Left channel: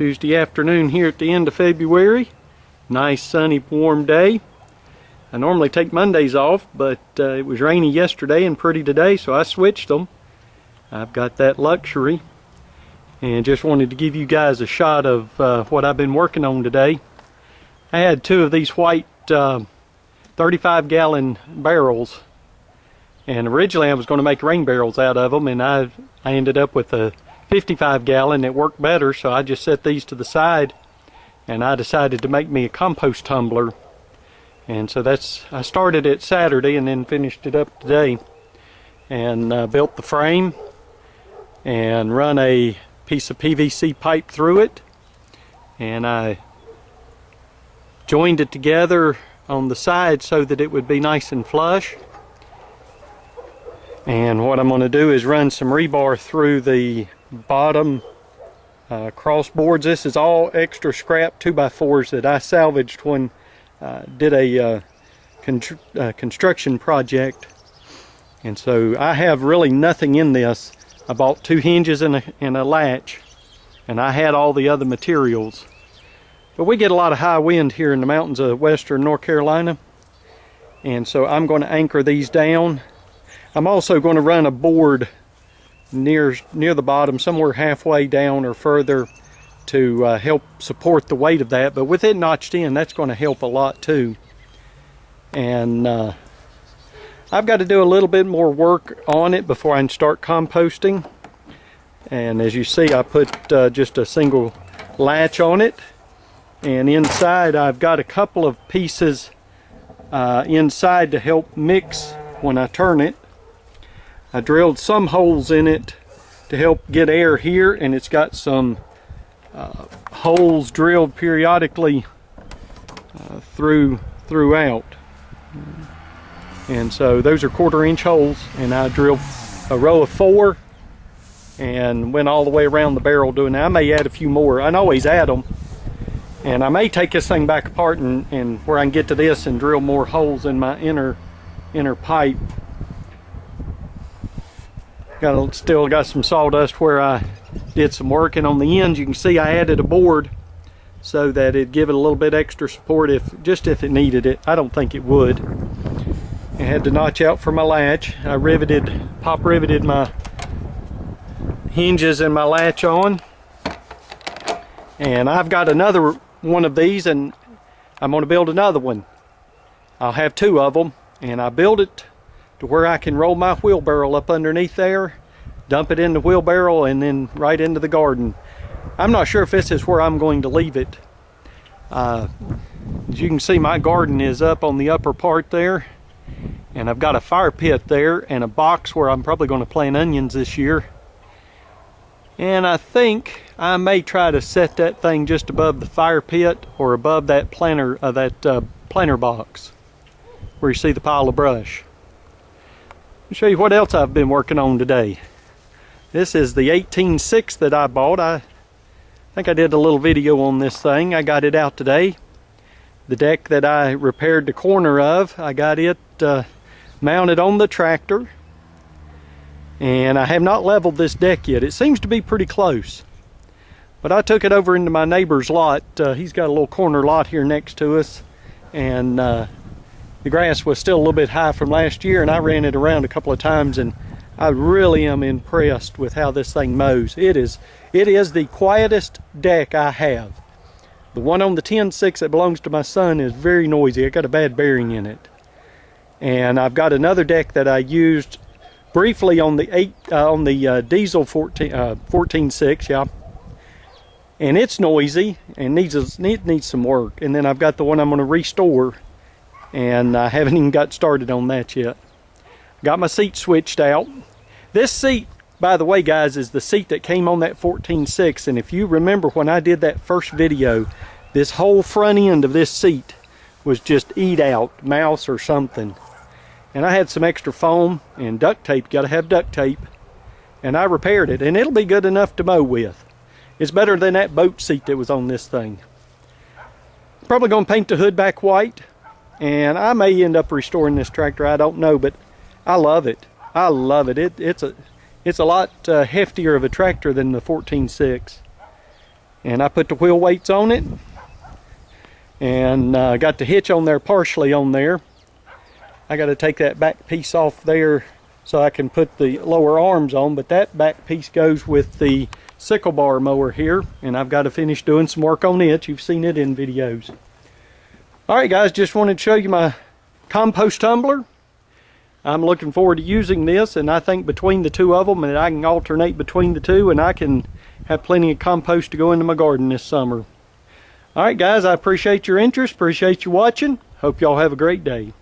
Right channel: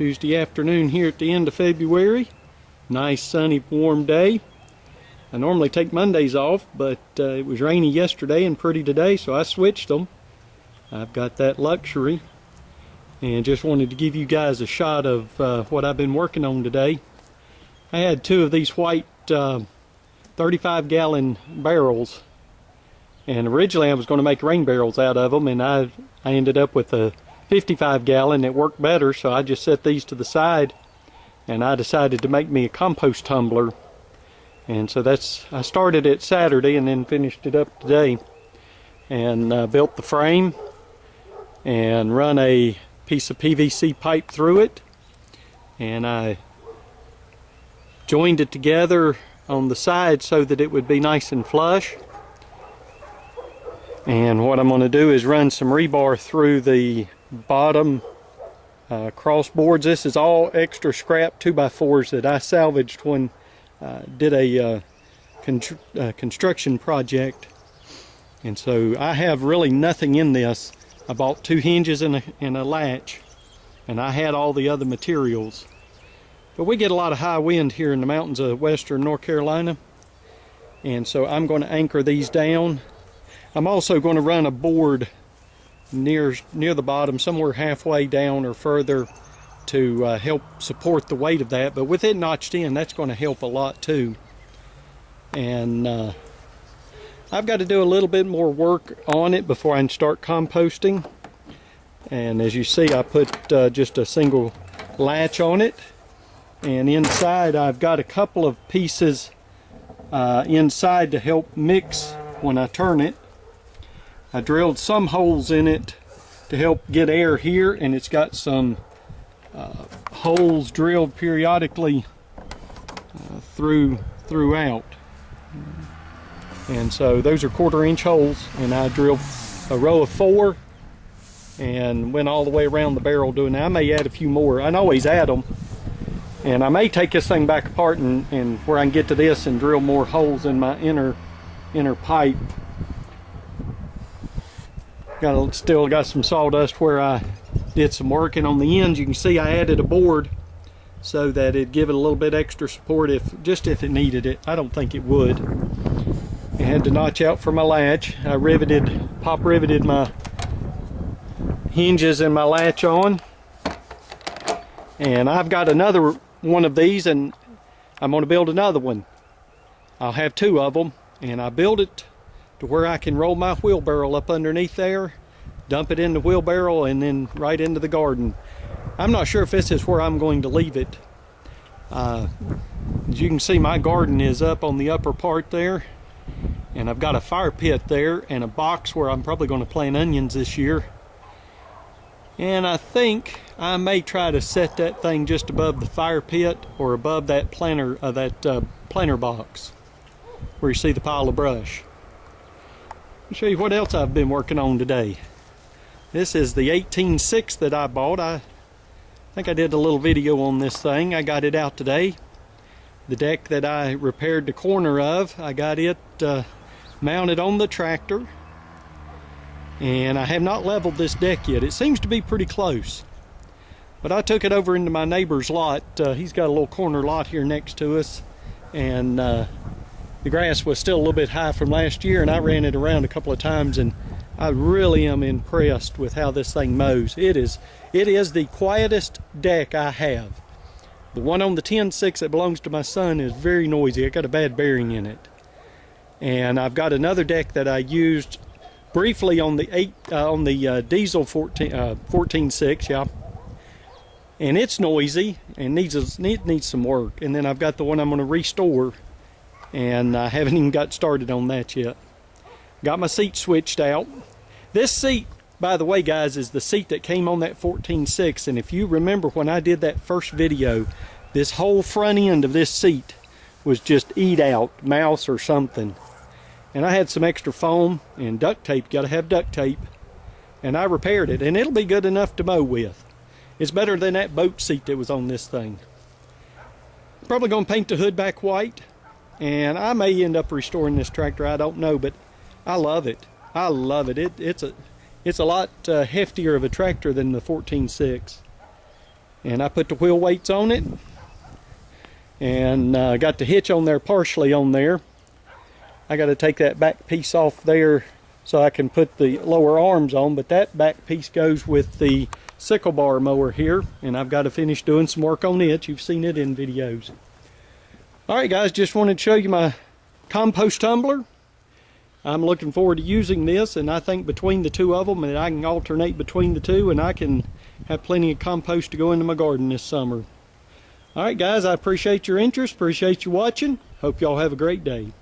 Tuesday afternoon here at the end of February. Nice sunny warm day. I normally take Mondays off, but it was rainy yesterday and pretty today, so I switched them. I've got that luxury, and just wanted to give you guys a shot of what I've been working on today. I had two of these white 35-gallon barrels, and originally I was going to make rain barrels out of them, and I ended up with a 55-gallon that worked better, so I just set these to the side, and I decided to make me a compost tumbler. And so I started it Saturday and then finished it up today, and built the frame and run a piece of PVC pipe through it, and I joined it together on the side so that it would be nice and flush. And what I'm going to do is run some rebar through the bottom cross boards. This is all extra scrap 2x4s that I salvaged when did a construction project. And so I have really nothing in this. I bought 2 hinges and a latch, and I had all the other materials. But we get a lot of high wind here in the mountains of western North Carolina, and so I'm going to anchor these down. I'm also going to run a board near the bottom, somewhere halfway down or further, to help support the weight of that. But with it notched in, that's going to help a lot too. And I've got to do a little bit more work on it before I can start composting. And as you see, I put just a single latch on it, and inside I've got a couple of pieces inside to help mix when I turn it. I drilled some holes in it to help get air here, and it's got some holes drilled periodically throughout. And so those are 1/4-inch holes, and I drilled a row of 4 and went all the way around the barrel doing that. I may add a few more. I can always add them, and I may take this thing back apart and where I can get to this and drill more holes in my inner pipe. Still got some sawdust where I did some work, and on the ends you can see I added a board so that it'd give it a little bit extra support if it needed it. I don't think it would. I had to notch out for my latch. I pop riveted my hinges and my latch on, and I've got another one of these, and I'm going to build another one. I'll have 2 of them, and I build it to where I can roll my wheelbarrow up underneath there, dump it in the wheelbarrow, and then right into the garden. I'm not sure if this is where I'm going to leave it. As you can see, my garden is up on the upper part there, and I've got a fire pit there and a box where I'm probably going to plant onions this year. And I think I may try to set that thing just above the fire pit or above that planter box where you see the pile of brush. Let me show you what else I've been working on today. This is the 18.6 that I bought. I think I did a little video on this thing. I got it out today. The deck that I repaired the corner of, I got it mounted on the tractor. And I have not leveled this deck yet. It seems to be pretty close. But I took it over into my neighbor's lot. He's got a little corner lot here next to us. And the grass was still a little bit high from last year, and I ran it around a couple of times, and I really am impressed with how this thing mows. It is the quietest deck I have. The one on the 10.6 that belongs to my son is very noisy. I got a bad bearing in it. And I've got another deck that I used briefly on the diesel 14.6, yeah. And it's noisy and it needs some work. And then I've got the one I'm going to restore, and I haven't even got started on that yet. Got my seat switched out. This seat, by the way, guys, is the seat that came on that 14.6, and if you remember when I did that first video, this whole front end of this seat was just eat out, mouse or something. And I had some extra foam and duct tape. Got to have duct tape. And I repaired it, and it'll be good enough to mow with. It's better than that boat seat that was on this thing. Probably going to paint the hood back white. And I may end up restoring this tractor, I don't know, but I love it. I love it. It's a lot heftier of a tractor than the 14.6. And I put the wheel weights on it, and got the hitch on there partially on there. I got to take that back piece off there so I can put the lower arms on, but that back piece goes with the sickle bar mower here, and I've got to finish doing some work on it. You've seen it in videos. Alright guys, just wanted to show you my compost tumbler. I'm looking forward to using this, and I think between the two of them, and I can alternate between the two, and I can have plenty of compost to go into my garden this summer. Alright guys, I appreciate your interest, appreciate you watching. Hope y'all have a great day.